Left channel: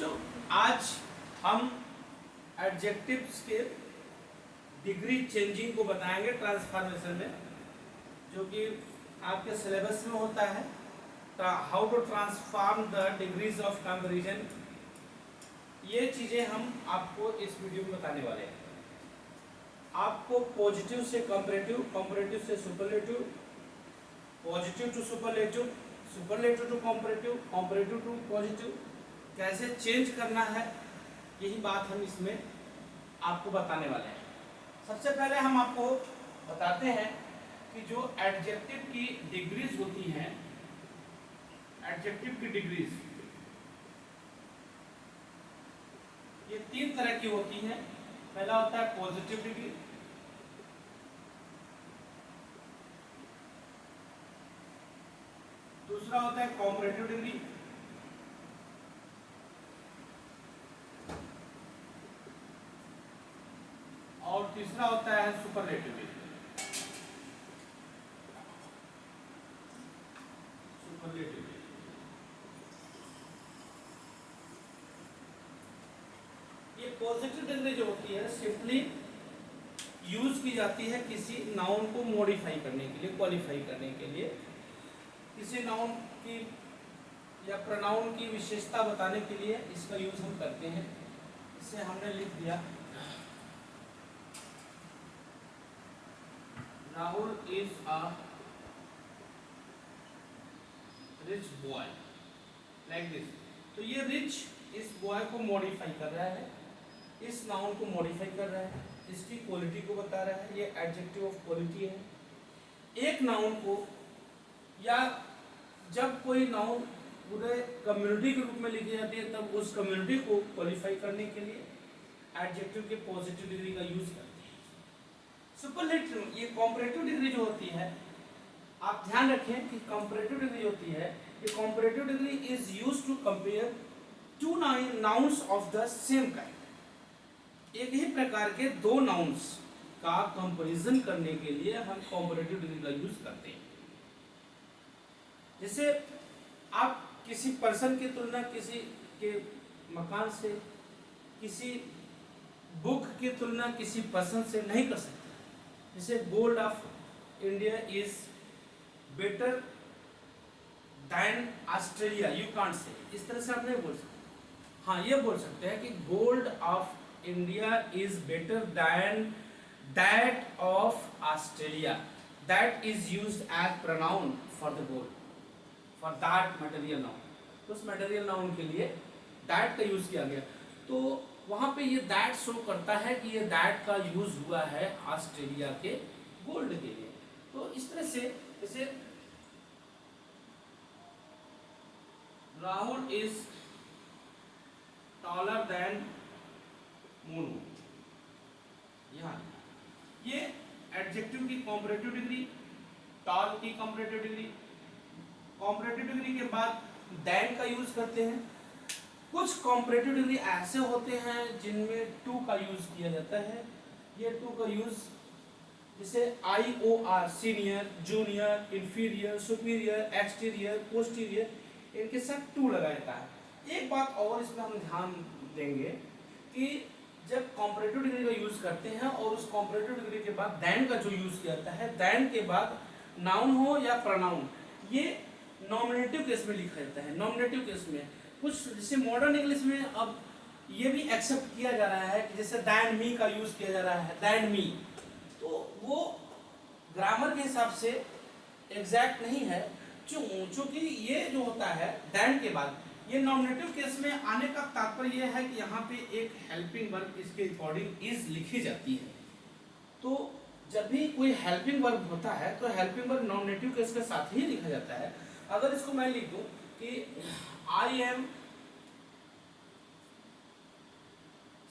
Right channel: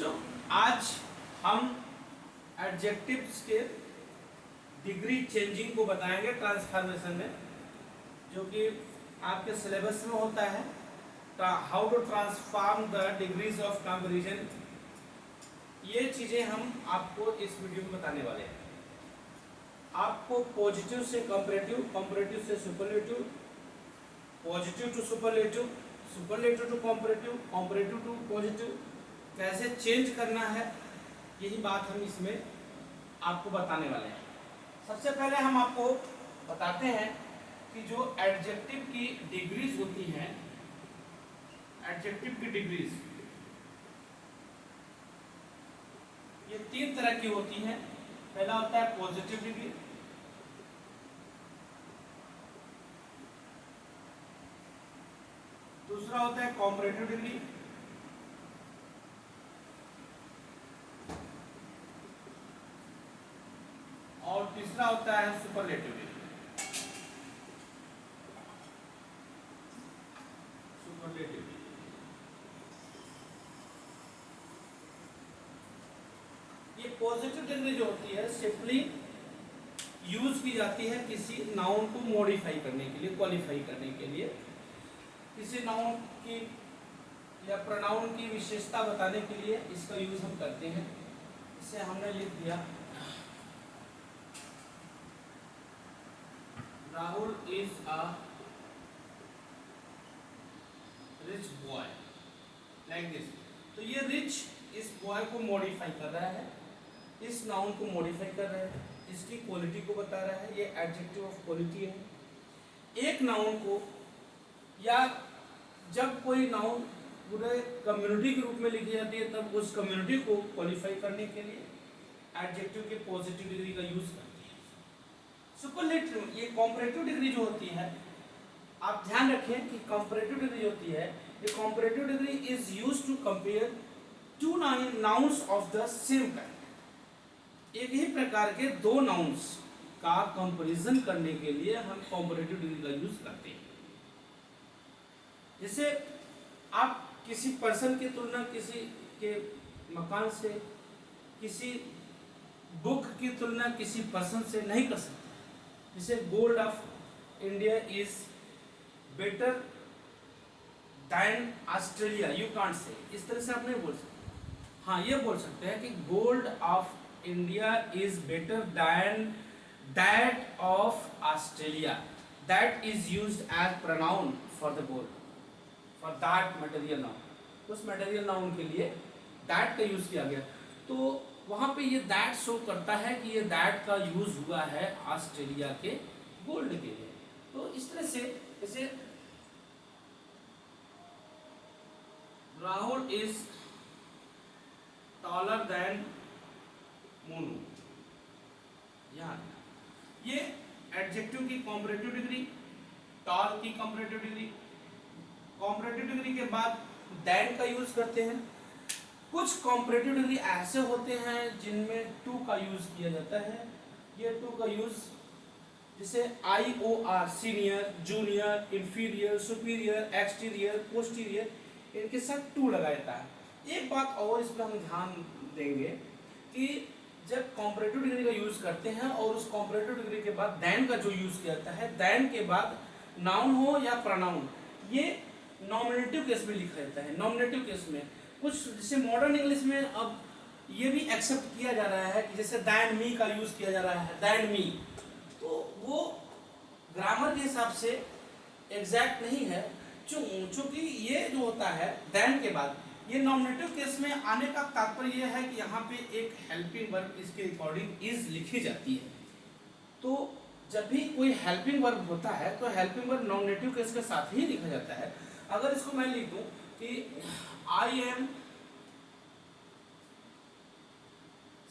बच्चों, आज हम एडजेक्टिव्स के डिग्री चेंजिंग को बताएंगे ट्रांसफॉर्मेशन में, जो कि आपके सिलेबस में होता है। How to transform the degrees of comparison, ये चीजें हम आपको इस वीडियो में बताने वाले हैं। आपको पॉजिटिव से कंपैरेटिव, कंपैरेटिव से superlative, positive to superlative, superlative to comparative, comparative to positive कैसे चेंज करना है, यही बात हम इसमें आपको बताने वाले हैं। सबसे पहले हम आपको बताते हैं कि जो एडजेक्टिव की डिग्रीज होती हैं, एडजेक्टिव की डिग्रीज ये 3 तरह की होती हैं। पहला होता है पॉजिटिव डिग्री, दूसरा होता है कंपैरेटिव डिग्री, और तीसरा होता है सुपरलेटिव डिग्री। सुपरलेटिव डिग्री ये पॉजिटिव डिग्री जो होती है सिंपली यूज की जाती है किसी नाउन को मॉडिफाई करने के लिए, क्वालिफाई करने के लिए, किसी नाउन की या प्रोनाउन की विशेषता बताने के लिए इसका यूज हम करते हैं। इसे हमने लिख दिया, Rahul is a rich boy, like this. तो ये रिच इस बॉय को मॉडिफाई कर रहा है, इस नाउन को मॉडिफाई कर रहा है, इसकी क्वालिटी को बता रहा है। ये एडजेक्टिव ऑफ क्वालिटी है। एक नाउन को, या जब कोई नाउन पूरे कम्युनिटी के रूप में लिखी जाती है, तब उस कम्युनिटी को क्वालिफाई करने के लिए एडजेक्टिव के पॉजिटिव डिग्री का यूज करते हैं। सुपरलेटिव, ये कंपैरेटिव डिग्री जो होती है, आप ध्यान रखें कि कंपैरेटिव डिग्री होती है, ये comparative degree is used to compare two nouns of the same kind. एक ही प्रकार के दो नाउन्स का कंपैरिजन करने के लिए हम कंपैरेटिव डिग्री का यूज करते हैं। जैसे आप किसी पर्सन की तुलना किसी के मकान से, किसी बुक की तुलना किसी पर्सन से नहीं कर सकते। जैसे gold of India is better then Australia, you can't say, इस तरह से आप नहीं बोल सकते। हाँ, ये बोल सकते हैं कि gold of India is better than that of Australia, that is used as pronoun for the gold, for that material noun. उस मटेरियल नाउन के लिए दैट का यूज किया गया, तो वहां पे ये दैट शो करता है कि ये दैट का यूज हुआ है ऑस्ट्रेलिया के गोल्ड के लिए। तो इस तरह से, जैसे Rahul is taller than Monu, यहां ये एडजेक्टिव की कंपैरेटिव डिग्री, टॉल की कंपैरेटिव डिग्री। कंपैरेटिव डिग्री के बाद देन का यूज करते हैं। कुछ कंपैरेटिव डिग्री ऐसे होते हैं जिनमें टू का यूज किया जाता है। ये टू का यूज जैसे IOR, senior, junior, inferior, superior, exterior, posterior, इनके साथ टू लगाया जाता है। एक बात और इसमें हम ध्यान देंगे कि जब कंपैरेटिव डिग्री का यूज करते हैं और उस कंपैरेटिव डिग्री के बाद देन का जो यूज किया जाता है, देन के बाद नाउन हो या प्रोनाउन, ये नॉमिनेटिव केस में लिखा जाता है। नॉमिनेटिव केस में कुछ, जैसे मॉडर्न इंग्लिश में अब ये भी एक्सेप्ट किया जा रहा है कि जैसे दैन मी का यूज किया जा रहा है, दैन मी, तो वो ग्रामर के हिसाब से एग्जैक्ट नहीं है। चूंकि ये जो होता है दैन के बाद, ये नॉमिनेटिव केस में आने का तात्पर्य यह है कि यहाँ पे एक हेल्पिंग वर्ब इसके अकॉर्डिंग इज लिखी जाती है। तो जब भी कोई हेल्पिंग वर्ब होता है तो हेल्पिंग वर्ब नॉमिनेटिव केस के साथ ही लिखा जाता है। अगर इसको मैं लिख दूं कि I am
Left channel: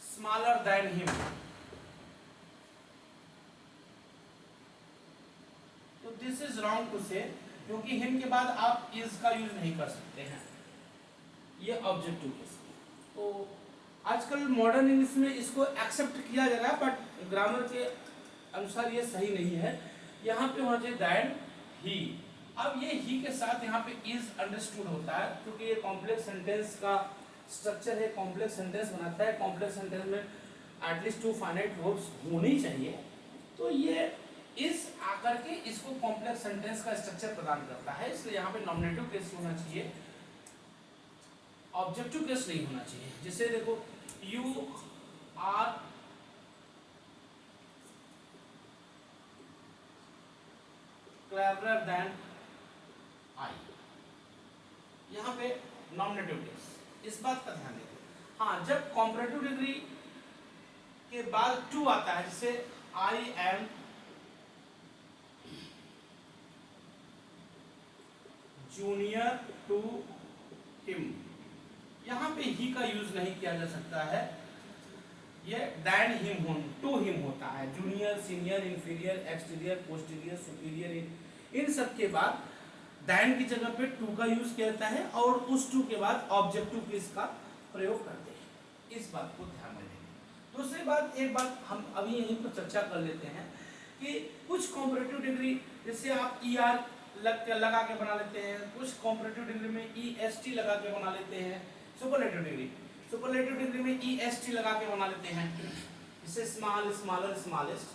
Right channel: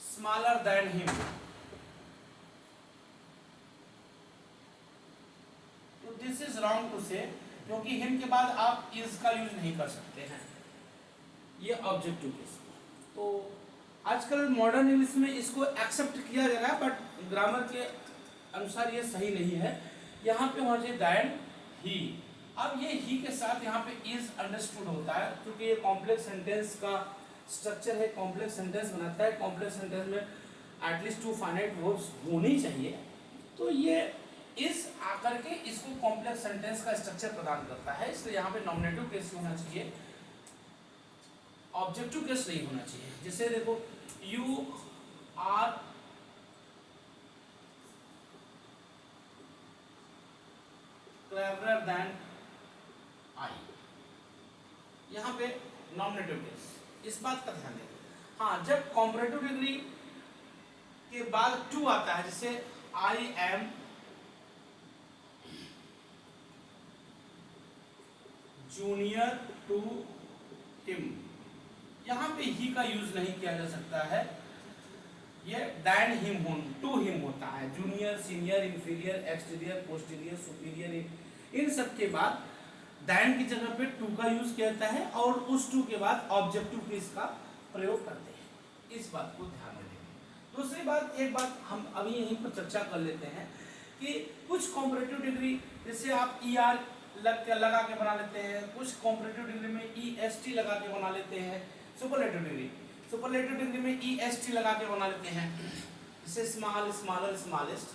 smaller than him, तो दिस इज रॉन्ग टू से, क्योंकि हिम के बाद आप इज का यूज नहीं कर सकते हैं, ये ऑब्जेक्टिव केस। तो आजकल मॉडर्न इंग्लिश में इसको एक्सेप्ट किया जा रहा है, बट ग्रामर के अनुसार ये सही नहीं है। यहाँ पे होना चाहिए दैन ही। अब ये ही के साथ यहाँ पे इज अंडरस्टूड होता है, क्योंकि ये कॉम्प्लेक्स सेंटेंस का स्ट्रक्चर है, कॉम्प्लेक्स सेंटेंस बनाता है। कॉम्प्लेक्स सेंटेंस में एटलीस्ट 2 फाइनाइट वर्ब्स होनी चाहिए। तो ये इस आकर के इसको कॉम्प्लेक्स सेंटेंस का स्ट्रक्चर प्रदान करता है। इसलिए यहाँ पे नॉमिनेटिव केस होना चाहिए, ऑब्जेक्टिव केस नहीं होना चाहिए। जैसे देखो, you are cleverer than I, यहाँ पे नॉमिनेटिव केस। इस बात का ध्यान देंगे। हाँ, जब कॉम्परेटिव डिग्री के बाद टू आता है, जैसे I am junior to him, यहाँ पे ही का यूज नहीं किया जा सकता है। ये दैन हिम टू हिम होता है। Junior, senior, inferior, exterior, posterior, superior, इन सब के बाद दैन की जगह पे टू का यूज किया जाता है और उस टू के बाद ऑब्जेक्टिव केस का प्रयोग करते हैं। इस बात को ध्यान में रखें। दूसरी बात, एक बात हम अभी यहीं पर चर्चा कर लेते हैं कि कुछ कॉम्परेटिव डिग्री जैसे आप ई आर लगा के बना लेते हैं, कुछ कॉम्परेटिव डिग्री में ई एस टी लगा के बना लेते हैं। सुपरलेटिव डिग्री में ई एस टी लगा के बना लेते हैं। इसे small, smaller, smallest,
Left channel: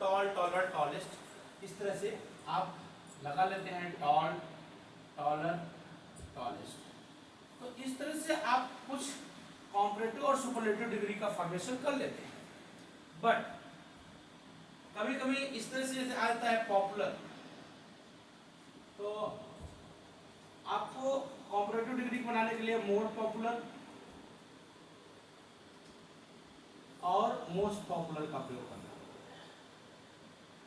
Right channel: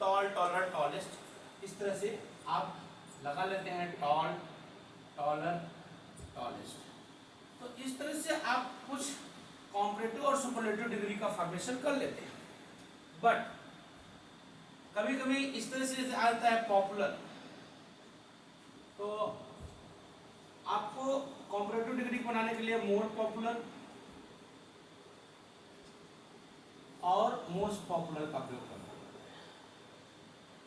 tall, taller, tallest, इस तरह से आप लगा लेते हैं। Tall, taller, tallest. तो इस तरह से आप कुछ कॉम्परेटिव और सुपरलेटिव डिग्री का फॉर्मेशन कर लेते हैं। बट कभी कभी इस तरह से जैसे आता है पॉपुलर, तो आपको कॉम्परेटिव डिग्री बनाने के लिए मोर पॉपुलर और मोस्ट पॉपुलर का प्रयोग करना है।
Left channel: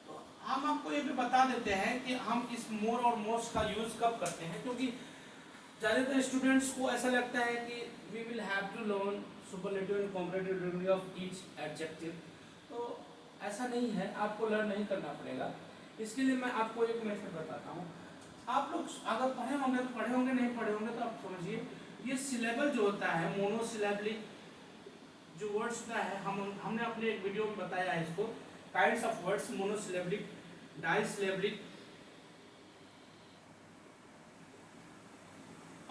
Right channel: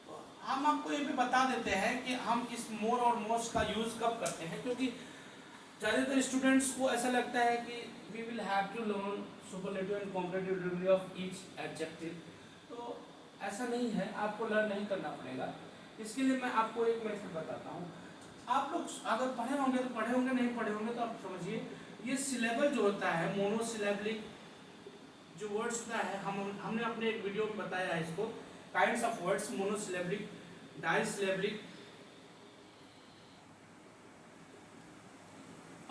तो हम आपको ये भी बता देते हैं कि हम इस मोर और मोस्ट का यूज कब करते हैं, क्योंकि ज़्यादातर स्टूडेंट्स को ऐसा लगता है कि we will have to learn superlative and comparative degree of each adjective. तो ऐसा नहीं है, आपको लर्न नहीं करना पड़ेगा। इसके लिए मैं आपको एक मेथड बताता हूँ। आप लोग अगर पढ़े होंगे तो पढ़े होंगे, नहीं पढ़े होंगे तो आप समझिए, ये सिलेबल जो होता है, मोनोसिलेबलिक जो वर्ड्स होता है, हमने अपने एक वीडियो में बताया है इसको, काइंड्स ऑफ वर्ड्स, मोनोसिलेबलिक, डाइसिलेबलिक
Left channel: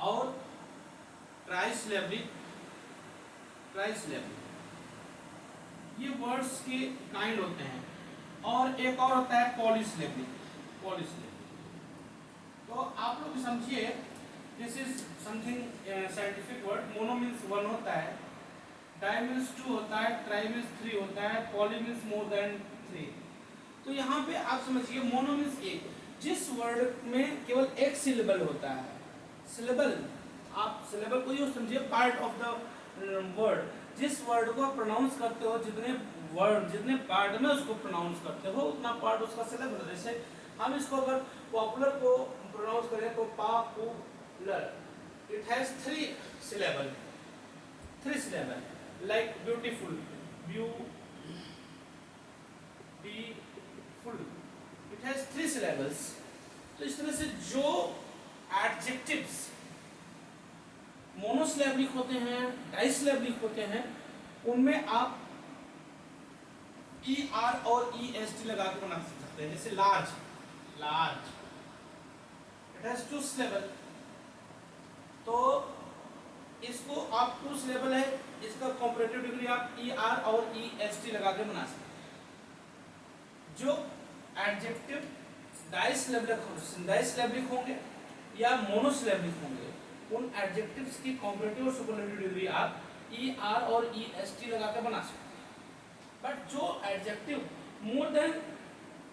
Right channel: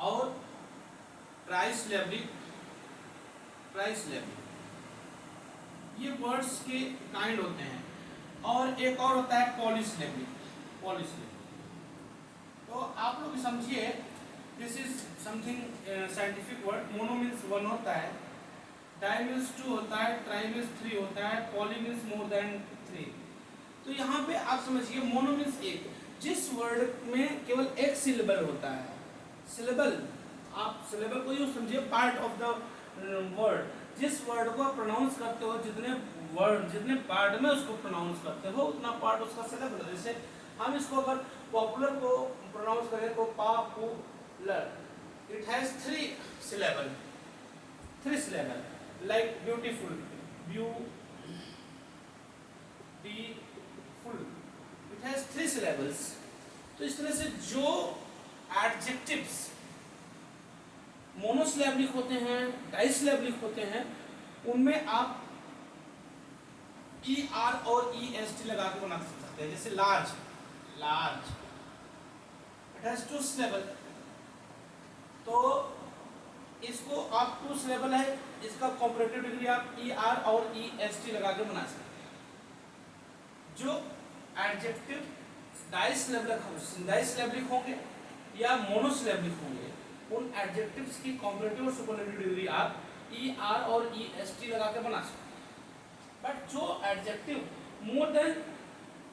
और ट्राइसिलेबलिक। ये वर्ड्स के काइंड होते हैं। और एक और होता है पॉलीसिलेबलिक। तो आप लोग समझिए, this is something scientific word. Mono means 1 होता है, डाई मीन्स 2 होता है, ट्राई मीन्स 3 होता है, पॉली मीन्स मोर देन 3। तो यहाँ पे आप समझिए, मोनो मीन्स एक, जिस वर्ड में केवल एक सिलेबल होता है। सिलेबल, आप सिलेबल को यूँ समझिए पार्ट ऑफ द वर्ड। जिस वर्ड को आप प्रोनाउंस करते हो, जितने पार्ट में उसको प्रोनाउंस करते हो उतना पार्ट उसका सिलेबल। जैसे हम इसको अगर पॉपुलर को प्रोनाउंस करें तो popular, it has 3 syllable, like beautiful, it has 3 syllables। तो इस तरह से जो एडजेक्टिव्स मोनोसिलेबलिक होते हैं, डाइसिलेबलिक होते हैं, उनमें आप ई आर और ई एस टी लगा के बना सकते हैं। जैसे लार्ज, इट हैज 2 syllable, तो इसको आप 2 syllable है, इसका कॉम्परेटिव डिग्री आप ई आर और ई एस टी लगा के बना सकते हैं। जो एडजेक्टिव डाइसिलेबलिक होंगे या मोनोसिलेबलिक होंगे, उन एडजेक्टिव्स की कॉम्परेटिव और सुपरलेटिव डिग्री आप ई आर और ई एस टी लगा के बना सकते हैं। बट जो एडजेक्टिव मोर देन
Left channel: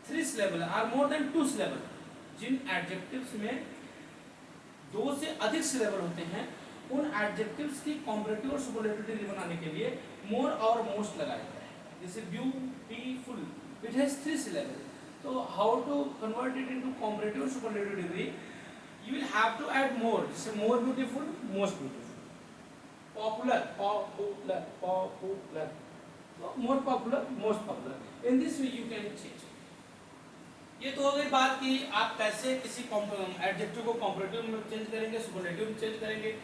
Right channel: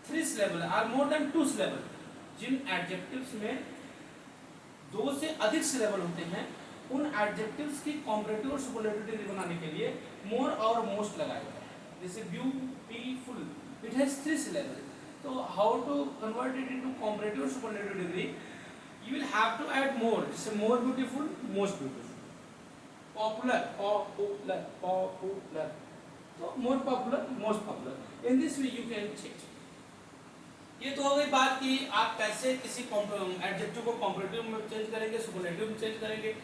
3 syllable और मोर देन 2 syllable, जिन एडजेक्टिव्स में 2 से अधिक सिलेबल होते हैं, उन एडजेक्टिव्स की कॉम्परेटिव और सुपरलेटिव डिग्री बनाने के लिए मोर और मोस्ट लगाया जाता है। जैसे ब्यूटीफुल, इट हैज 3 syllable, तो how to convert it into comparative और superlative degree? You will have to add more, जैसे more beautiful, most beautiful. Popular, तो more popular, most popular. In this way you can change. ये तो हो गई बात कि आप कैसे किसी एडजेक्टिव को कॉम्परेटिव में चेंज करेंगे, सुपरलेटिव में चेंज करेंगे।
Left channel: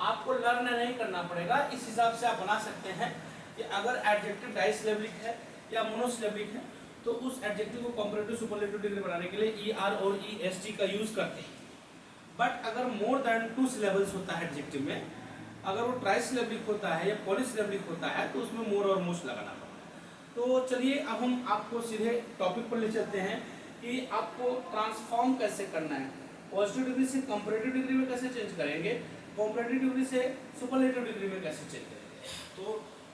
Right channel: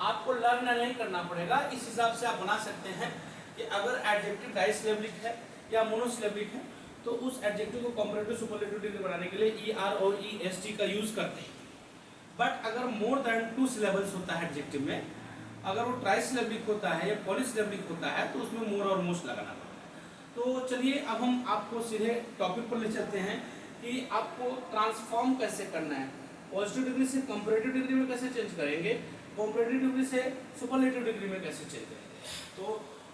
आपको लर्न नहीं करना पड़ेगा। इस हिसाब से आप बना सकते हैं कि अगर एडजेक्टिव डाइसिलेबलिक है या मोनोसिलेबलिक है, तो उस एडजेक्टिव को कॉम्परेटिव सुपरलेटिव डिग्री बनाने के लिए ई आर और ई एस टी का यूज करते हैं। बट अगर मोर देन 2 syllables होता है एडजेक्टिव में, अगर वो ट्राइसिलेबिक होता है या पॉलीसिलेबिक होता है तो उसमें मोर और मोस्ट लगाना पड़ता है। तो चलिए अब हम आपको सीधे टॉपिक पर ले चलते हैं कि आपको ट्रांसफॉर्म कैसे करना है। पॉजिटिव डिग्री से कंपैरेटिव डिग्री में कैसे चेंज करेंगे, कंपैरेटिव डिग्री से सुपरलेटिव डिग्री में कैसे चेंज करेंगे। तो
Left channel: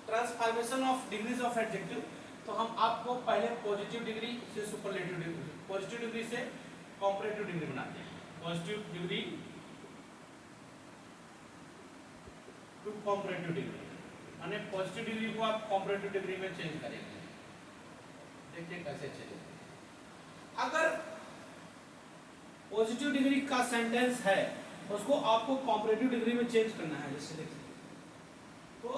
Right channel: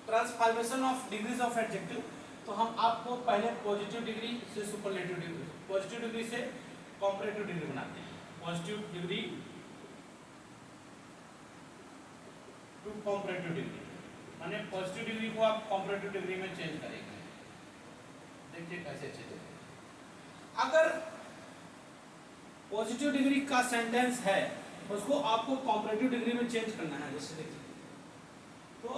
transformation of degrees of adjective, तो हम आपको पहले पॉजिटिव डिग्री से सुपरलेटिव डिग्री, पॉजिटिव डिग्री से कंपैरेटिव डिग्री बनाते हैं। Positive degree to comparative degree, माने पॉजिटिव डिग्री को आप कंपैरेटिव डिग्री में चेंज करेंगे। देखिए कैसे चेंज करेंगे। अगर पॉजिटिव डिग्री का सेंटेंस है उसको आपको कंपैरेटिव डिग्री में चेंज करना है। जैसे देखिए, तो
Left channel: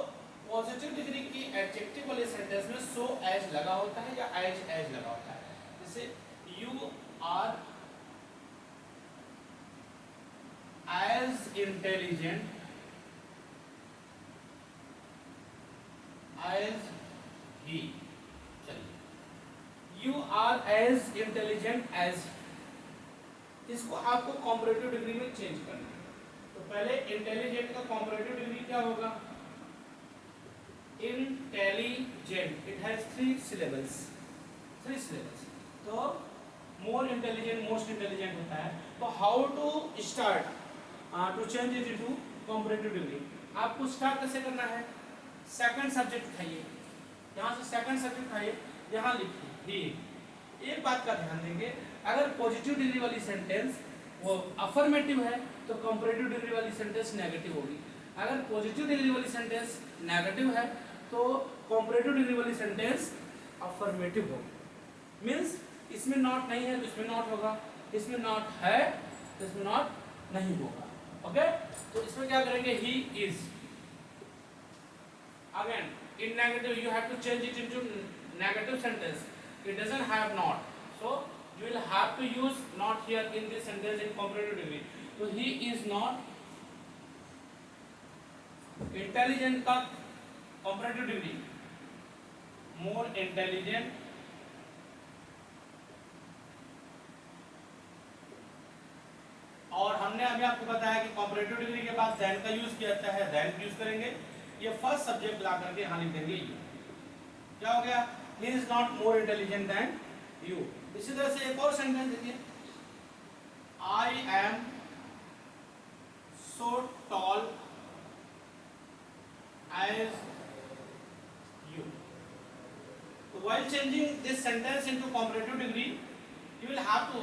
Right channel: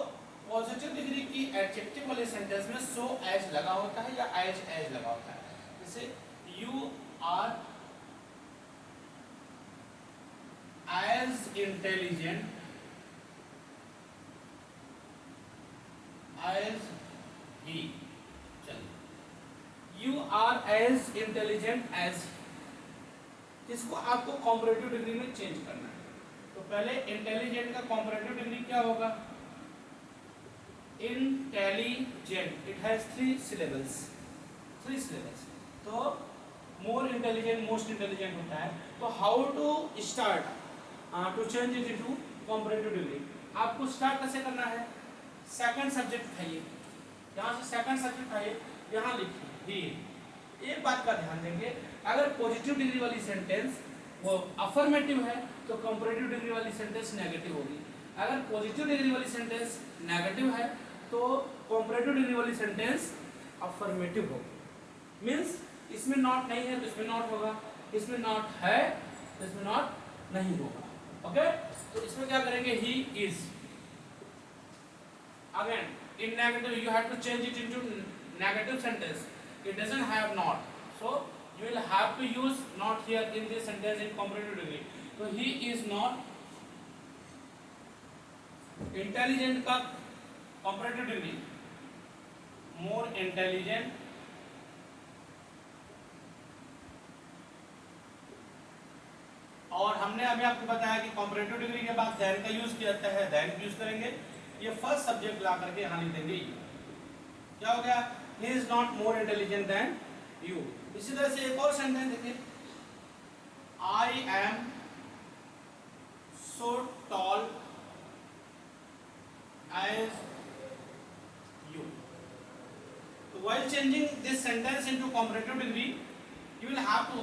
पॉजिटिव डिग्री की एडजेक्टिव वाले सेंटेंस में सो एज लगा होता है या एज लगा होता है। जैसे you are as intelligent as he, चलिए you are as intelligent as, इसको आपको कंपैरेटिव डिग्री में चेंज करना है। तो पहले इंटेलिजेंट का कंपैरेटिव डिग्री क्या होगा, intelligent, it has 3 syllables, 3 syllables, तो मोर इंटेलिजेंट मोस्ट इंटेलिजेंट होता है। तो how to start to change it into comparative degree, आपको स्टार्ट कैसे करना है, सेकंड सब्जेक्ट उठाइए, यहाँ से सेकंड सब्जेक्ट उठाइए, यहाँ लिखिए ही। एक बात का ध्यान देंगे, अगर पॉजिटिव डिग्री वाली सेंटेंस वो अफर्मेटिव है तो कंपैरेटिव डिग्री वाली सेंटेंस नेगेटिव होगी। अगर पॉजिटिव डिग्री वाली सेंटेंस नेगेटिव है तो कंपैरेटिव डिग्री वाली सेंटेंस अफर्मेटिव होगी। मींस इसमें नॉट नहीं है तो इसमें नॉट होगा, इसमें नॉट है तो इसमें नॉट नहीं होगा। ओके, तो इसमें क्या करेंगे, he is. Again, in negative you have to change it into negative sentence. It doesn't have not, so you will have to use not here in this sentence in comparative degree. So he is not intelligent का comparative degree more intelligent और हमने अभी आपको बताया कि comparative degree के बाद than का यूज किया जाता है, than यूज करेंगे। ये फर्स्ट सब्जेक्ट ला करके यहाँ लिख देंगे यू, क्या हो गया, he is not more intelligent than you। इसी तरह से एक और सेंटेंस देखिए, I am so tall as you। तो while changing this sentence into comparative degree you will have to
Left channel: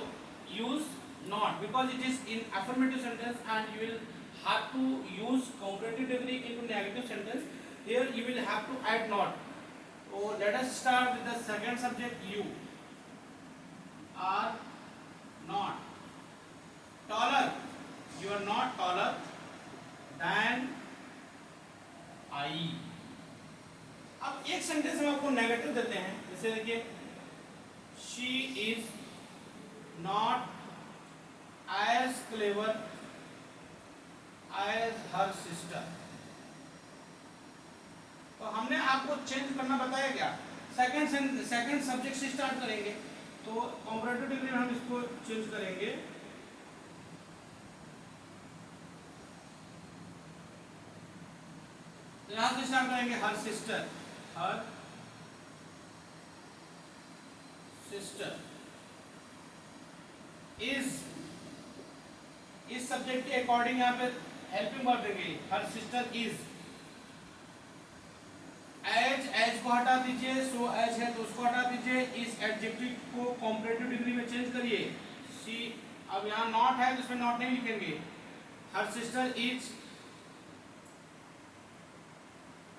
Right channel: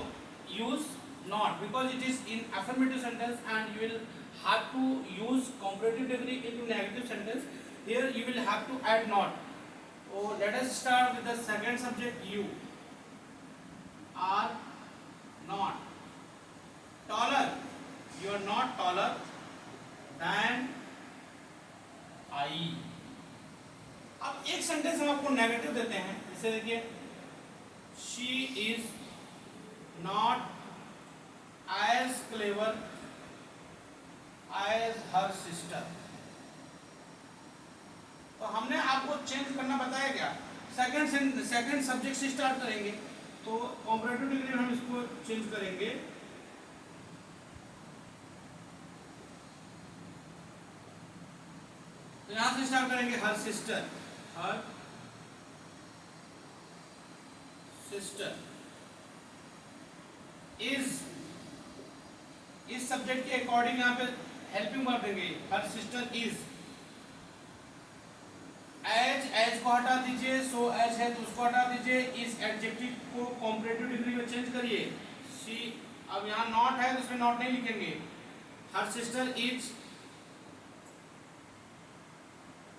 use not because it is in affirmative sentence and you will have to use comparative degree into negative sentence. Here you will have to add not. So let us start with the second subject, you are not taller, you are not taller than I। अब एक sentence हम आपको negative देते हैं, जैसे देखिए she is not as clever as her sister। तो हमने आपको चेंज करना बताया क्या, सेकंड सब्जेक्ट से स्टार्ट करेंगे। तो कंपैरेटिव डिग्री में हम इसको चेंज करेंगे, तो यहां से स्टार्ट करेंगे her sister, her sister is, इस सब्जेक्ट के अकॉर्डिंग यहाँ पे हेल्पिंग वर्ब देंगे, हर सिस्टर इज। एज को हटा दीजिए, सो एज है तो उसको हटा दीजिए, इस एडजेक्टिव को कंपैरेटिव डिग्री में चेंज करिए। शी, अब यहाँ नॉट है तो उसमें नॉट नहीं लिखेंगे, her sister is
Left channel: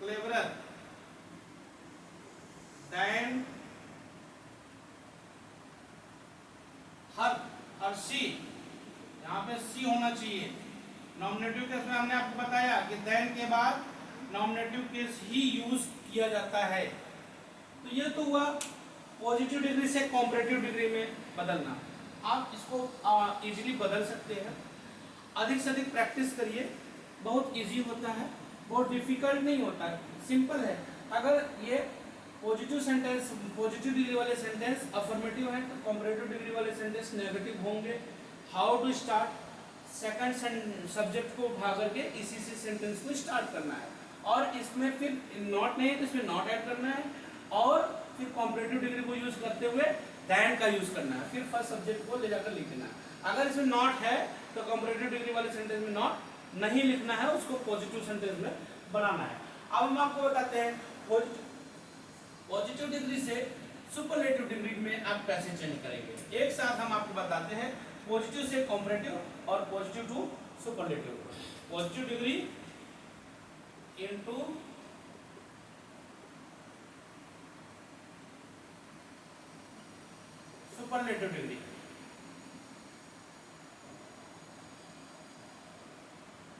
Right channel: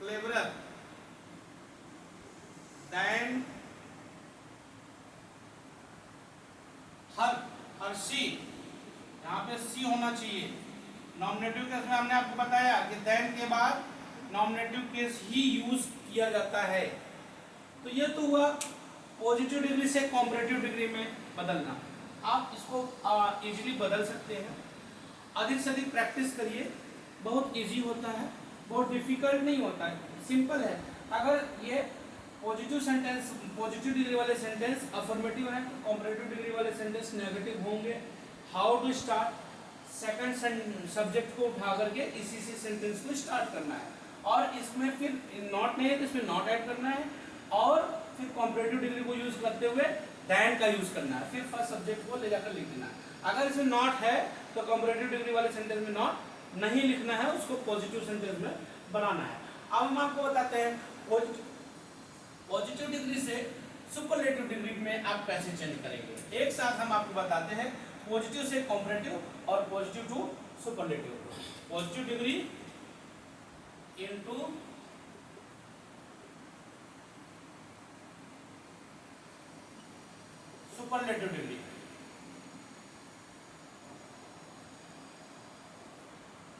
cleverer than her she, यहाँ पे सी होना चाहिए। नॉमिनेटिव केस में हमने आपको बताया कि देन के बाद नॉमिनेटिव केस ही यूज किया जाता है। तो ये तो हुआ पॉजिटिव डिग्री से कंपैरेटिव डिग्री में बदलना। आप इसको इजीली बदल सकते हैं, अधिक से अधिक प्रैक्टिस करिए, बहुत इजी होता है, बहुत डिफिकल्ट नहीं होता है, सिंपल है। अगर ये पॉजिटिव सेंटेंस, पॉजिटिव डिग्री वाले सेंटेंस अफर्मेटिव है, कंपैरेटिव डिग्री वाले सेंटेंस नेगेटिव होंगे। How to start, second subject को उठा करके इसी से सेंटेंस को स्टार्ट करना है, और इसमें फिर नॉट नहीं है तो इसमें नॉट ऐड करना है, और फिर कॉम्परेटिव डिग्री को यूज करते हुए दैन का यूज करना है, फिर फर्स्ट सब्जेक्ट को ले जाकर लिख देना है। अगर इसमें नॉट है तो कॉम्परेटिव डिग्री वाले सेंटेंस में नॉट नहीं लिखना है, उसको पॉजिटिव सेंटेंस में बनाना है। अब हम आपको बताते हैं पॉजिटिव डिग्री से सुपरलेटिव डिग्री में आप कैसे चेंज करेंगे। एक साथ हम आपको बताते हैं, पॉजिटिव से कॉम्परेटिव और positive to superlative. Positive degree into superlative degree.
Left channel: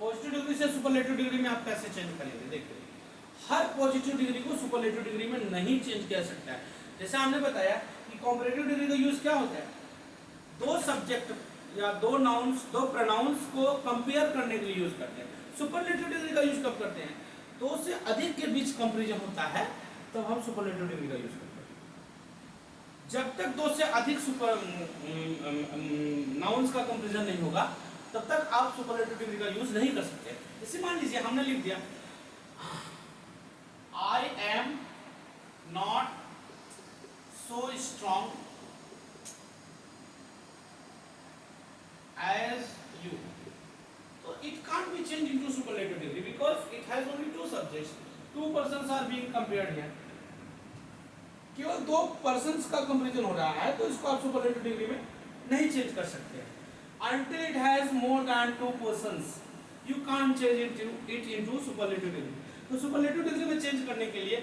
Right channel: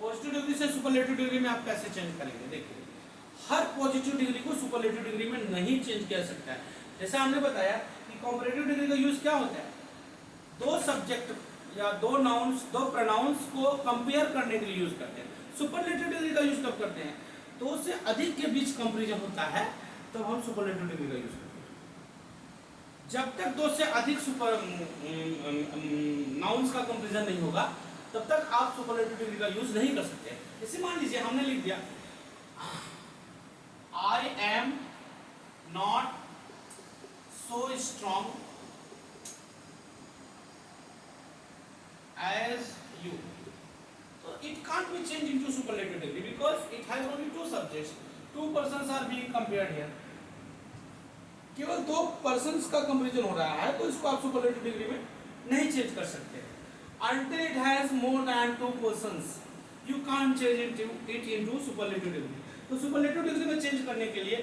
Positive degree से सुपरलेटिव डिग्री में आप कैसे चेंज करेंगे, देखिए हर पॉजिटिव डिग्री को सुपरलेटिव डिग्री में नहीं चेंज किया सकता है। जैसा हमने बताया कि कॉम्परेटिव डिग्री का यूज क्या होता है, दो सब्जेक्ट या दो नाउन्स, दो प्रोनाउंस को कंपेयर करने के लिए यूज करते हैं। सुपरलेटिव डिग्री का यूज कब करते हैं, दो से अधिक के बीच कंपैरिजन होता है तब हम सुपरलेटिव डिग्री का यूज करते हैं। जब तक दो से अधिक नाउन्स का कंपैरिजन नहीं होगा तब तक आप सुपरलेटिव डिग्री का यूज नहीं कर सकते। जैसे मान लीजिए हमने लिख दिया I am not so strong as you, so it can't be changed into superlative degree because it has only two subjects, two persons are being compared here, केवल दो पर्सन्स का कंपैरिजन हो रहा है, तो इसको आप सुपरलेटिव डिग्री में नहीं चेंज कर सकते। Until it has more than two persons, you can't change it into superlative degree। तो सुपरलेटिव डिग्री में चेंज करने के लिए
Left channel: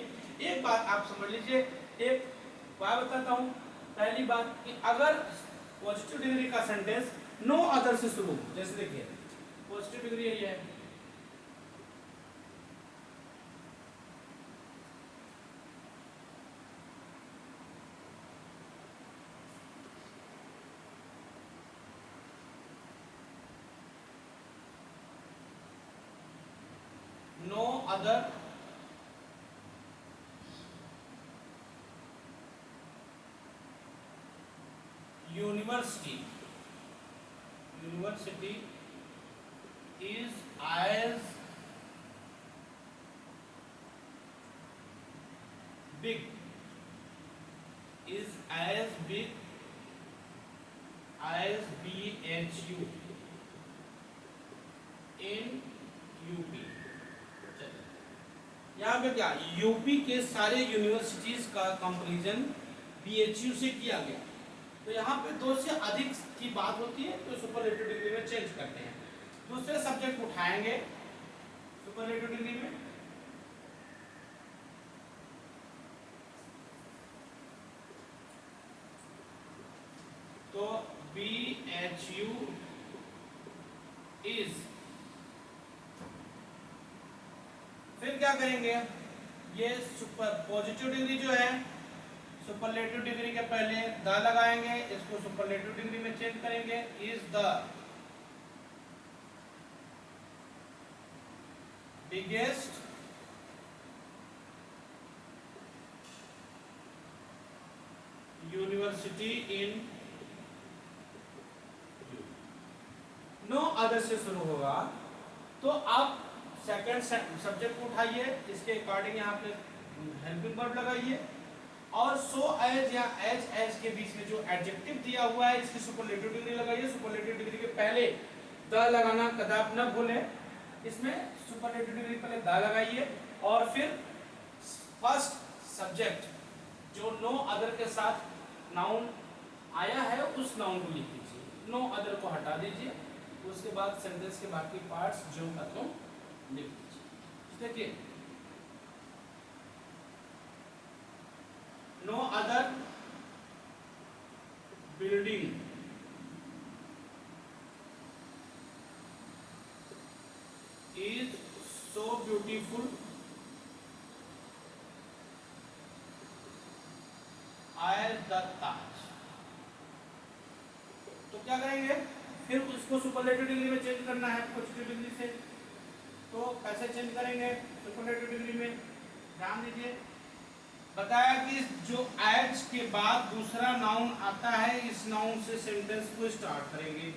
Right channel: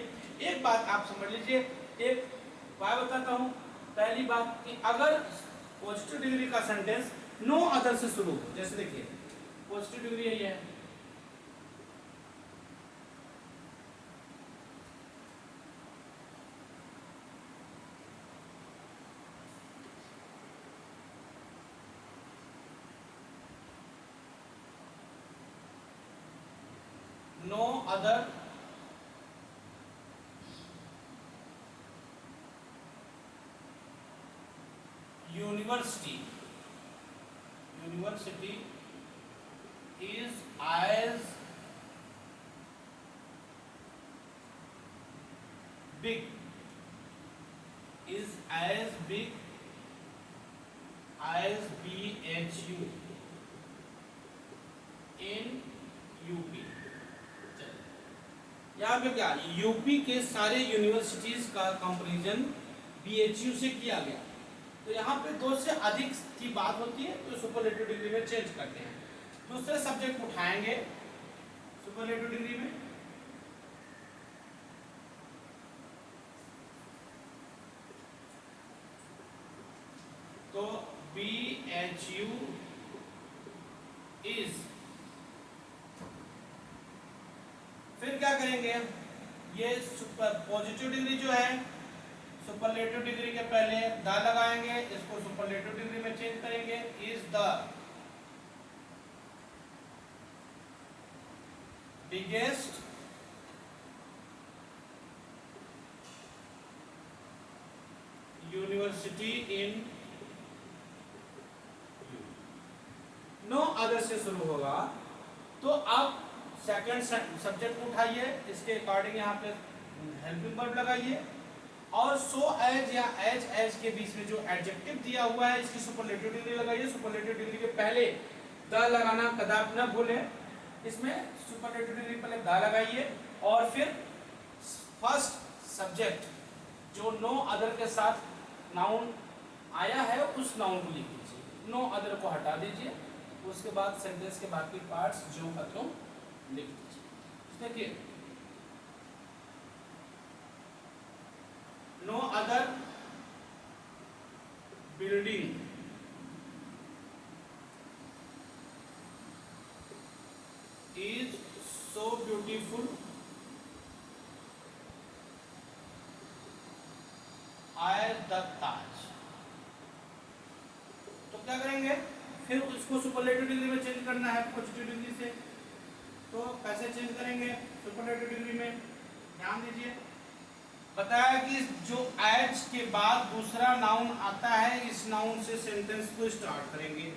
एक बात आप समझ लीजिए, एक बात बताता हूं। पहली बात कि अगर पॉजिटिव डिग्री का सेंटेंस नो अदर से शुरू हो, जैसे देखिए पॉजिटिव डिग्री यही है, no other university is as big as BHU in UP। यहाँ पे क्या, यूपी के सारे यूनिवर्सिटीज का कंपैरिजन BHU से किया गया, तो यहाँ पे दो से अधिक की बात होती है तो सुपरलेटिव डिग्री में चेंज करते हैं। दूसरे सब्जेक्ट उठाएंगे सुपरलेटिव डिग्री में, तो BHU is, फिर क्या करेंगे, ये सुपर पॉजिटिव डिग्री जो है सुपरलेटिव डिग्री के पहले द लगाएंगे, इसको सुपरलेटिव डिग्री में चेंज करेंगे, is the biggest university in U. No other से शुरू होगा तो आप सेकंड सब्जेक्ट उठाइए, इसके अकॉर्डिंग यहाँ पे हेल्पिंग वर्ब लगाइए, और सो एज या एज के बीच में जो एडजेक्टिव दिया हुआ है इसकी सुपरलेटिव डिग्री लगाइए। सुपरलेटिव डिग्री के पहले द लगाना कदाप न भूलें, इसमें सुपरलेटिव डिग्री पहले द लगाइए और फिर फर्स्ट सब्जेक्ट जो नो अदर के साथ नाउन आया है उस नाउन को लिख दीजिए, नो अदर को हटा दीजिए, उसके बाद सेंटेंस के बाकी पार्ट्स जो खत्म लिख दीजिए। देखिए no other building is so beautiful as the Taj। तो क्या करेंगे, फिर उसको सुपरलेटिव डिग्री में चेंज करना है पॉजिटिव डिग्री से, तो कैसे चेंज करेंगे सुपरलेटिव डिग्री में, ध्यान दीजिए। बताया कि जो एज के बाद दूसरा नाउन आता है इस नाउन से सेंटेंस को स्टार्ट करेंगे,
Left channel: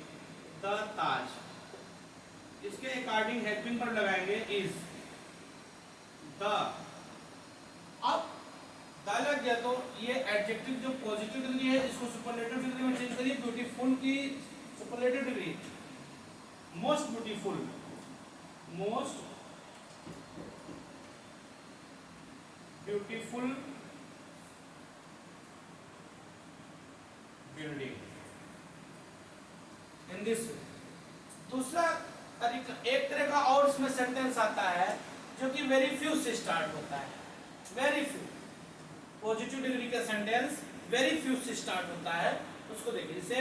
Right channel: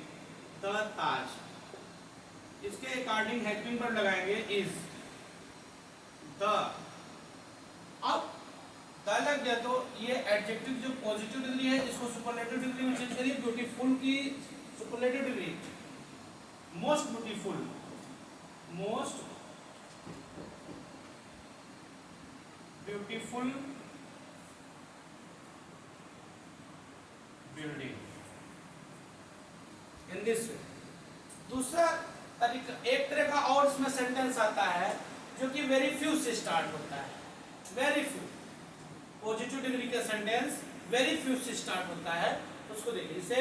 द ताज। इसके अकॉर्डिंग हेल्पिंग वर्ब लगाएंगे इज द। अब द लग गया तो ये एडजेक्टिव जो पॉजिटिव डिग्री है इसको सुपरलेटिव डिग्री में चेंज करिए। ब्यूटीफुल की superlative degree most beautiful, most beautiful building in this वे। दूसरा तरीका, एक तरह का और इसमें सेंटेंस आता है जो कि वेरी फ्यू से स्टार्ट होता है। वेरी फ्यू पॉजिटिव डिग्री का सेंटेंस वेरी फ्यू से स्टार्ट होता है, उसको देखिए। इसे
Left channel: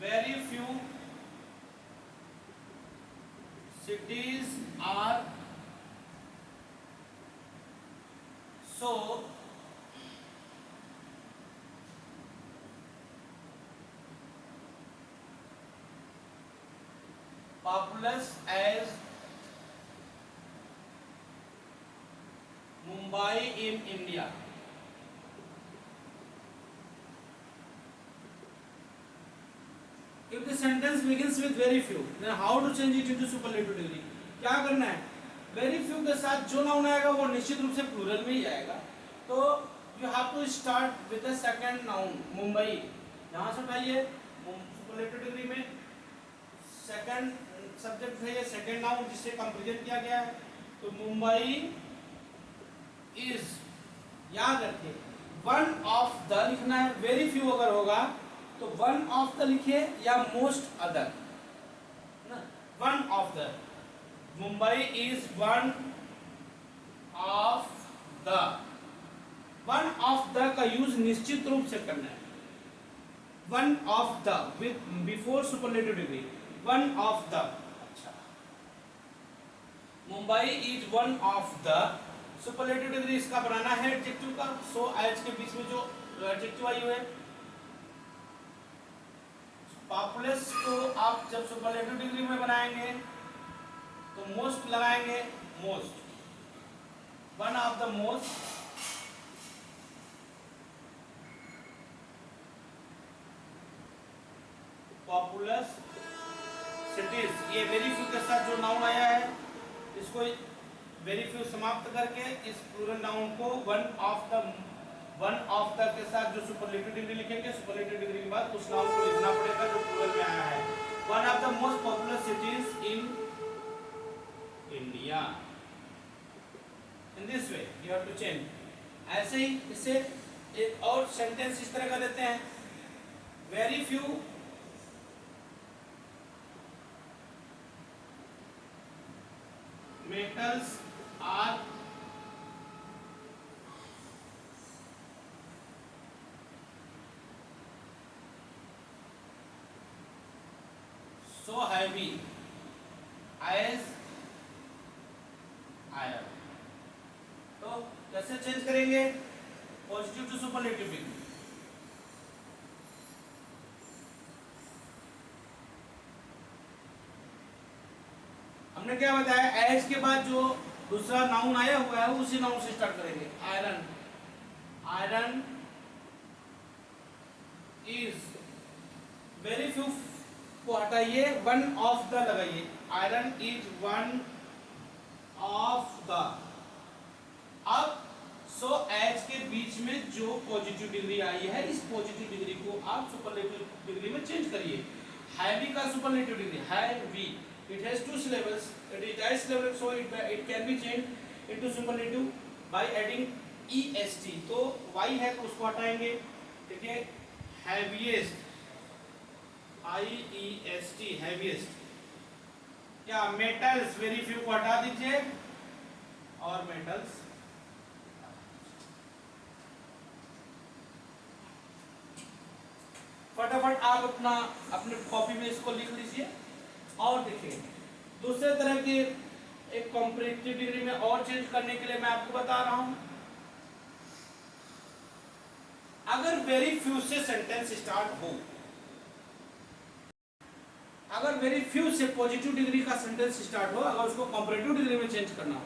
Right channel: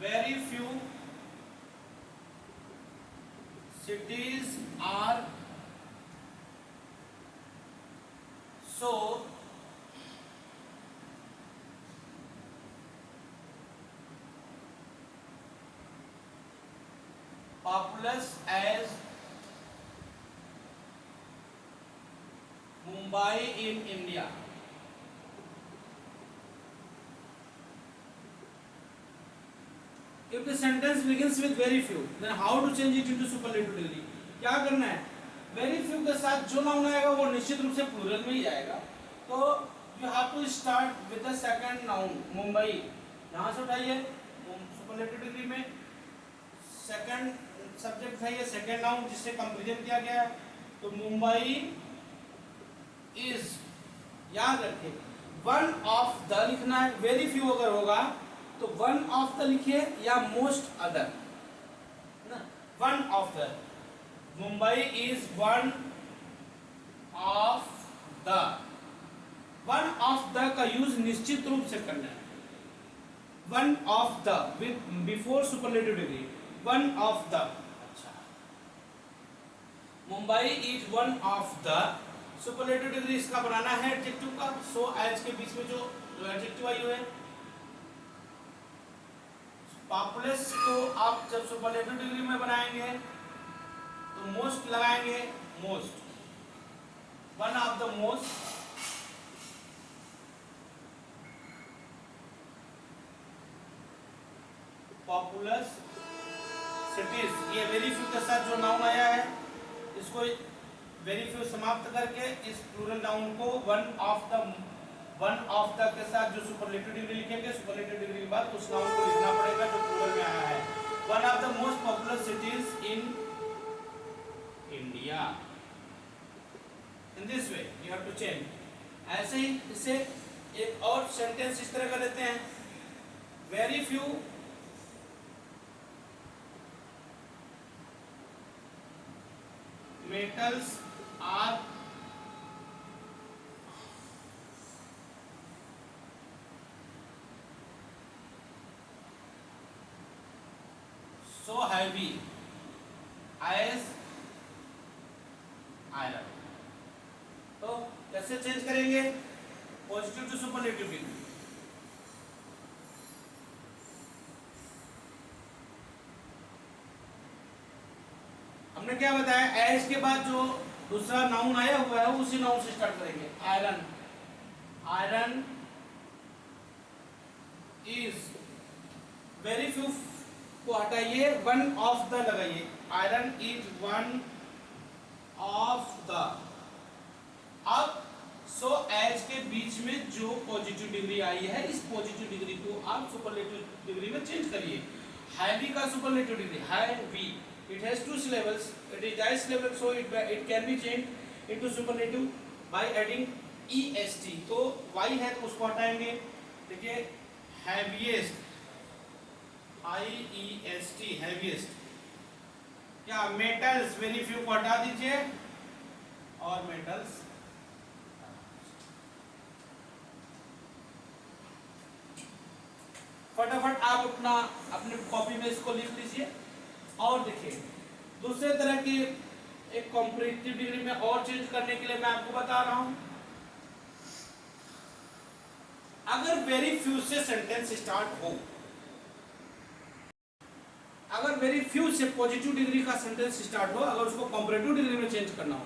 very few cities are so populous as Mumbai in India। If the sentence begins with very few, then how to change it into superlative degree? क्या करना है? Very few के साथ जो नाउन आएगा वो निश्चित रूप से प्लूरल में ही आएगा। तो you have to start with the second noun Mumbai. यहाँ से उठाइए superlative degree में second subject है ये second noun जिससे कंपेरिजन किया गया है। तो मुंबई is, याद रखिए one of the लिखना है। very few अगर होगा तो वन ऑफ द लिखिए या मोस्ट अदर ना। One of the, Mumbai is one of the. One of the का यूज निश्चित रूप से करना है। One of the before superlative degree, one of the. अच्छा, Mumbai is one of the. Superlative degree इसका बनाना है एडजेक्टिव का। सो एज के बीच में जो एडजेक्टिव आई हुए पॉपुलस को आप जब सुपरलेटिव डिग्री में बनाएंगे तो मोस्ट लगाएंगे। Most, one of the most populous cities. ये वेरी फ्यू के साथ जो नाउन आया है इसको वेरी फ्यू समाप्त करके इस प्लूरल नाउन को वन ऑफ द के साथ जो सुपरलेटिव डिग्री लिखेंगे, सुपरलेटिव डिग्री के बाद उस नाउन को लिखना पड़ेगा जो प्लूरल में आया है। One of the most popular cities in India. In this way you have to change. ऐसे ही इसे एक और सेंटेंस इस तरह का देते हैं, very few metals are so heavy as iron। तो कैसे चेंज करेंगे? Positive to superlative degree. हमने क्या बताया, एज के बाद जो दूसरा नाउन आया हुआ है उसी नाउन से स्टार्ट करेंगे। Iron, iron is, very few को हटाइए, वन ऑफ द लगाइए। Iron is one of the. अब सो एज के बीच में जो पॉजिटिव डिग्री आई है इस पॉजिटिव डिग्री को आप सुपरलेटिव डिग्री में चेंज करिए। हैवी का superlative degree heavy, it has two syllables, it is dice syllable, so it can be changed into superlative by adding est। तो y है तो उसको हटाएंगे। देखिए heaviest, iest, heaviest। क्या metals, very few को हटा दीजिए और metals। फटाफट आप अपने कॉपी में इसको लिख लीजिए। और देखिए दूसरे तरह की एक कॉम्परेटिव डिग्री में और चेंज करने के लिए मैं आपको बता रहा हूं। अगर वेरी फ्यू से सेंटेंस स्टार्ट हो, अगर वेरी फ्यू से पॉजिटिव डिग्री का सेंटेंस स्टार्ट हो, अगर उसको कॉम्परेटिव डिग्री में चेंज करना हो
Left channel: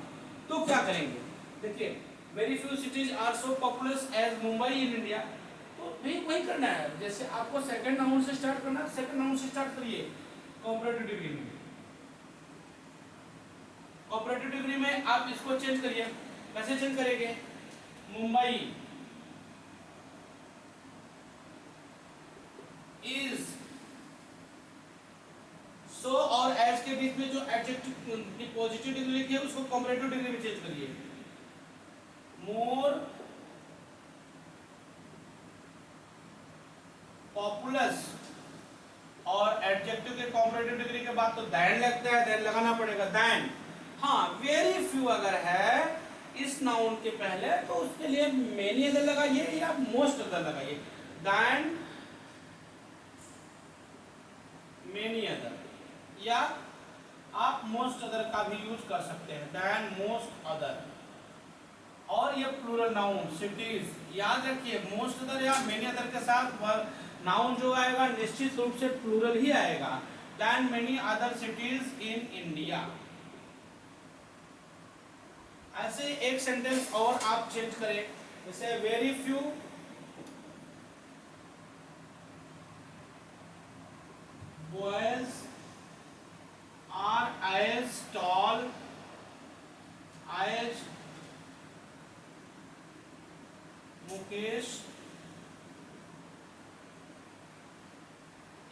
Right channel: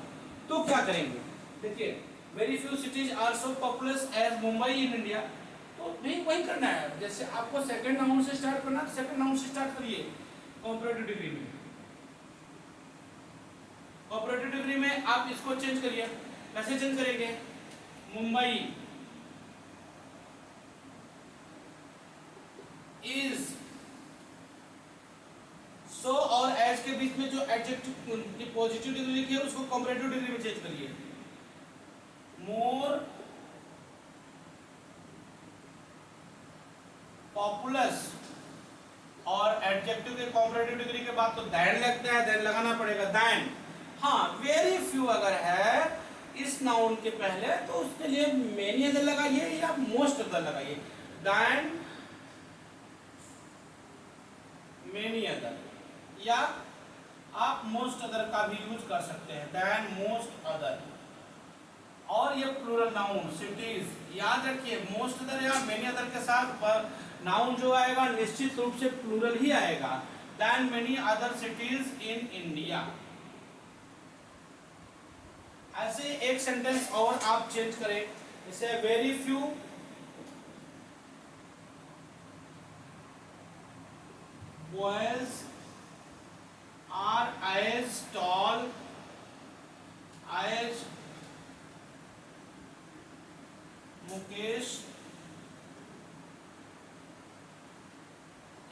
तो क्या करेंगे? देखिए very few cities are so populous as Mumbai in India. तो भी वही करना है, जैसे आपको सेकंड नाउन से स्टार्ट करना है, सेकंड नाउन से स्टार्ट करिए कॉम्परेटिव डिग्री में। कॉम्परेटिव डिग्री में आप इसको चेंज करिए, कैसे चेंज करेंगे? मुंबई इज, सो और एज के बीच में जो एडजेक्टिव की पॉजिटिव डिग्री लिखी है उसको कॉम्परेटिव डिग्री में चेंज करिए। मोर पॉपुलस, और एडजेक्टिव के कॉम्परेटिव डिग्री के बाद तो दैन लगता है, दैन लगाना पड़ेगा, दैन। हाँ, वेरी फ्यू अगर है इस नाउन के पहले तो उसके लिए मेनी अदर लगाइए या मोस्ट अदर लगाइए, दैन मेनी अदर, या आप मोस्ट अदर का भी यूज कर सकते हैं, दैन मोस्ट अदर। और ये प्लूरल नाउन सिटीज, याद रखिए मोस्ट अदर या मेनी अदर के साथ नाउन जो आएगा निश्चित रूप से प्लूरल ही आएगा, than many other cities in India. ऐसे एक सेंटेंस और आप चेंज करें, जैसे very few boys are as tall as Mukesh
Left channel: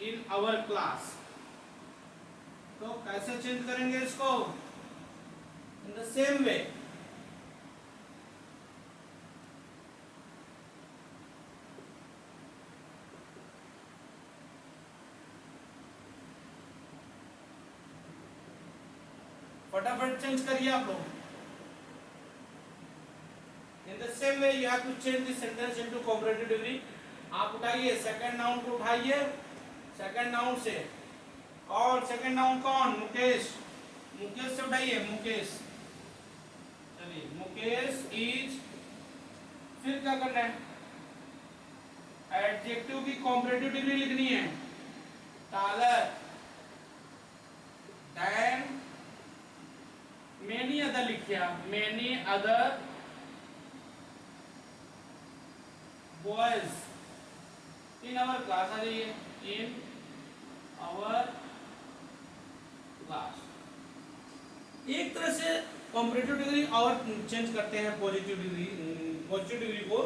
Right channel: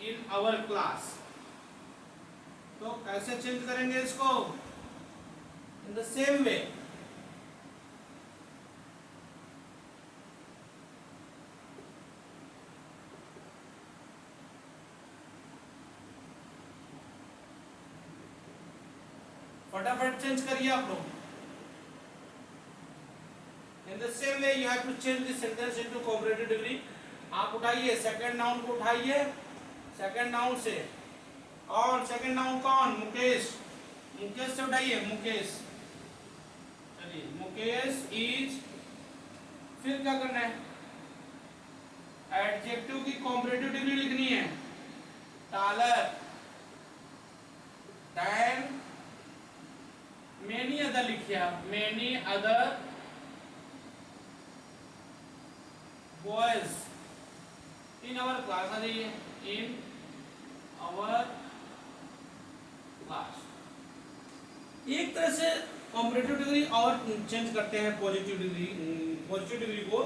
in our class। तो कैसे चेंज करेंगे इसको? इन द सेम वे, फटाफट चेंज करिए आप लोग। In the same way you have to change this sentence into comparative degree. आप उठाइए सेकंड नाउन को, उठाइए सेकंड नाउन से, और सेकंड नाउन कौन? मुकेश, मुकेश से उठाइए, मुकेश, चलिए मुकेश इज, फिर क्या करना है? एडजेक्टिव की कॉम्परेटिव डिग्री लिखनी है, taller than many other लिखिए, many other boys in our class। आ जाइए, in our class। एक तरह से कॉम्परेटिव डिग्री और चेंज करते हैं पॉजिटिव डिग्री, पॉजिटिव डिग्री को।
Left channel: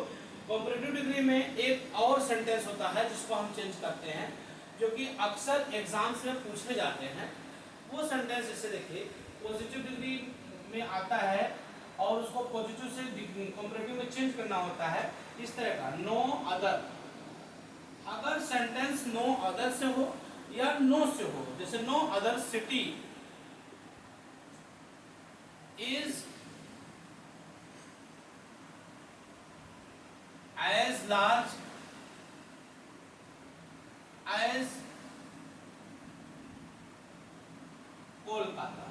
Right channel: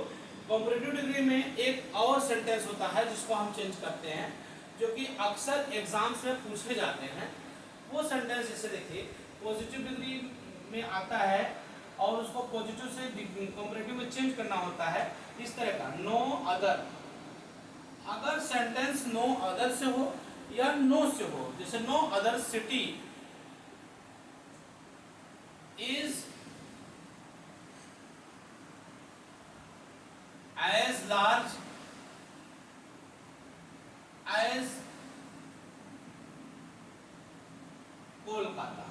कॉम्परेटिव डिग्री में एक और सेंटेंस होता है जिसको हम चेंज करते हैं, जो कि अक्सर एग्जाम्स में पूछे जाते हैं। वो सेंटेंस जैसे देखिए पॉजिटिव डिग्री में आता है और उसको पॉजिटिव से कॉम्परेटिव में चेंज करना होता है, इस तरह का, नो अदर। अगर सेंटेंस नो अदर से हो या नो से हो, जैसे no other city is as large as Kolkata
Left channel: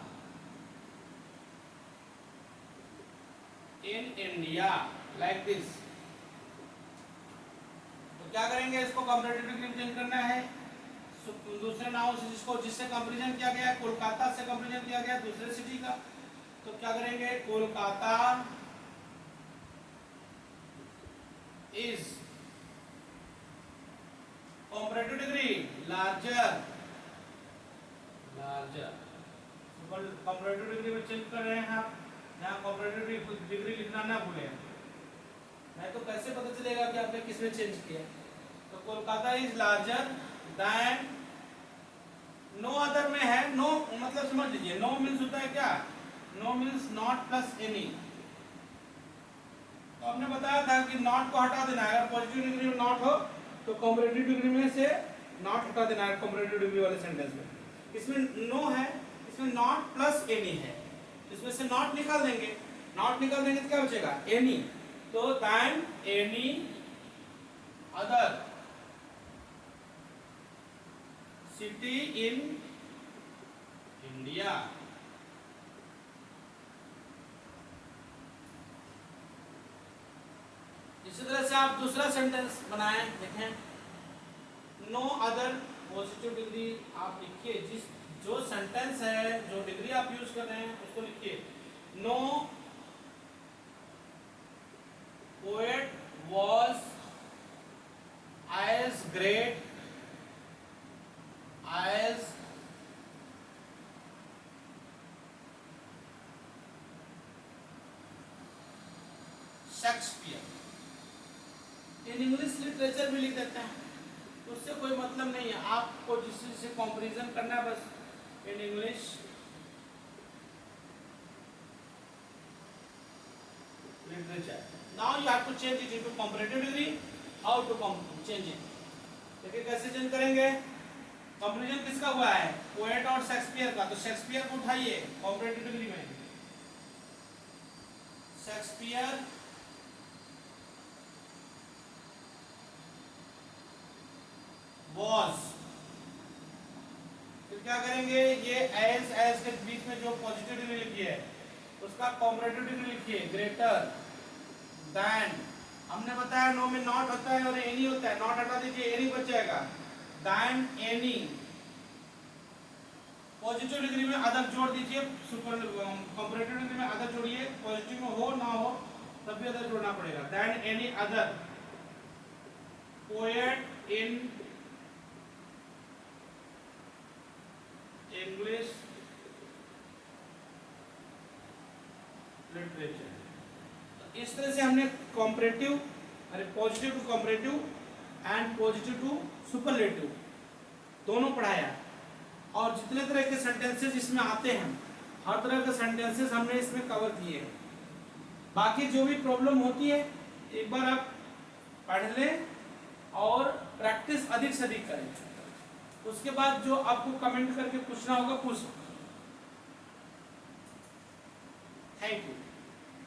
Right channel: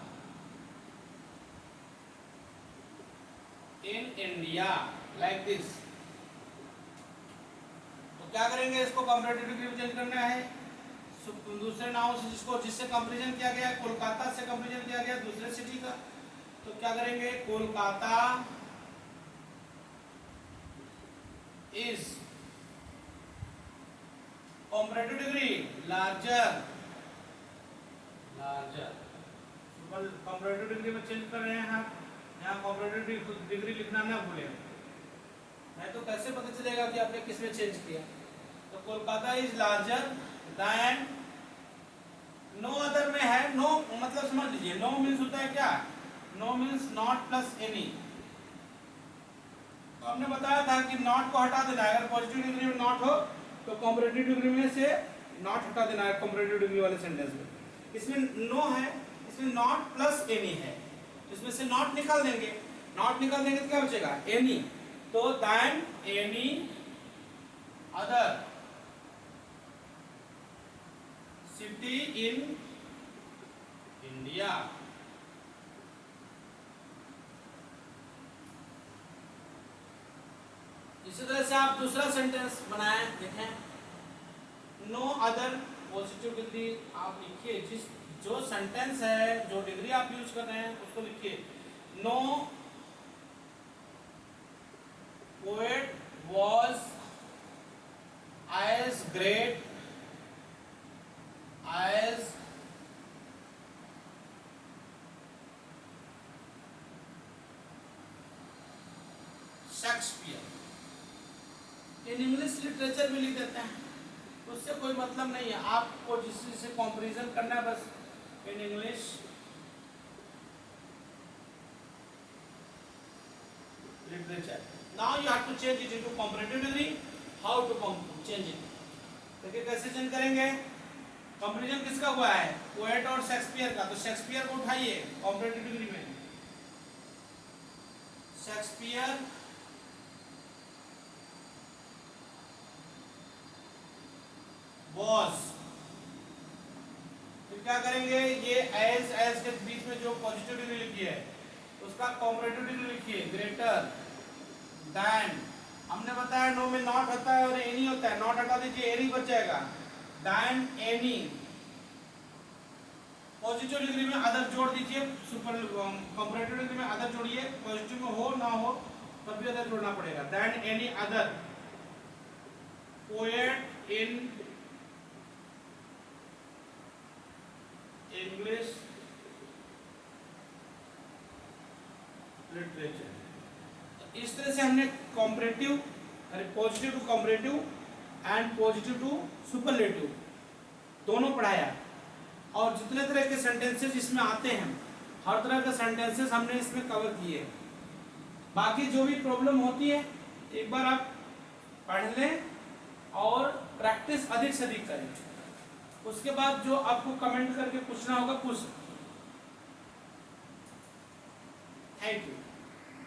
in India, like this। तो क्या करेंगे? इसको कंपैरेटिव डिग्री में चेंज करना है। दूसरे नाउन से जिससे कंपैरिजन किया गया है, कोलकाता से कंपैरिजन किया गया दूसरे सिटी का, तो क्या करेंगे? Kolkata is comparative degree larger, larger। comparative degree में चेंज कर रहे हैं आप, यहाँ comparative डिग्री लिखना ना भूलें, नहीं तो कैसे पता चलेगा कि आपने किस में चेंज किया। तो Kolkata is larger than, no other में है, नो मतलब समझ लीजिए, नो मीन्स होता है क्या? No means not plus any. हमने बताया था कि नॉट को हटा देना है, अगर पॉजिटिव डिग्री में नॉट हो तो कॉम्परेटिव डिग्री में से नॉट हटा देना है कॉम्परेटिव डिग्री वाले सेंटेंस में। इसमें नो है, इसमें नॉट प्लस एनी है, तो इसमें से नॉट निकाल देंगे, नॉट निकाल देंगे तो क्या बचेगा? एनी। तो then any other city in India. इसी तरह से आप दूसरा सेंटेंस बनाएं, देखें। नो अदर पॉजिटिव डिग्री आप लिखिए, जिस जो सेंटेंस है, जो डिग्री आप यूज कर रहे हैं उसको लिखिए। No poet was as great as Shakespeare. In English literature में लिख देते हैं, उससे कोई मतलब नहीं है, आपको जिससे कंपैरिजन करना है बस in English literature. Now you have to change it into comparative degree. How to change it? देखिए कैसे चेंज करेंगे। कंपैरिजन किसका हुआ है, पोएट और शेक्सपियर का, तो शेक्सपियर को उठाइए कंपैरेटिव डिग्री में, शेक्सपियर was, फिर क्या करेंगे, ये एज के बीच में जो पॉजिटिव डिग्री लिखी है उसका कंपैरेटिव डिग्री लिखिए, ग्रेटर देन, हमने बताया नो में नॉट होता है और एनी होता है, नॉट हटा दीजिए एनी बच जाएगा, देन एनी, पॉजिटिव डिग्री में अदर जोड़ दीजिए, सुपर कंपैरेटिव डिग्री में अदर जोड़िए, पॉजिटिव में हो ना हो तब भी अदर जोड़ना पड़ेगा, then any other poet in English literature. तो इस तरह से हमने कॉम्परेटिव, अरे positive to comparative and positive to superlative दोनों पढ़ाया, और जितने तरह के सेंटेंसेस इसमें आते हैं हर तरह के सेंटेंसेस हमने इसमें कवर किए। बाकी जो भी प्रॉब्लम होती है एक बार आप पढ़ लें और प्रैक्टिस अधिक से अधिक करें, उसके बाद जो आपको कमेंट करके पूछना होगा पूछ। Thank you.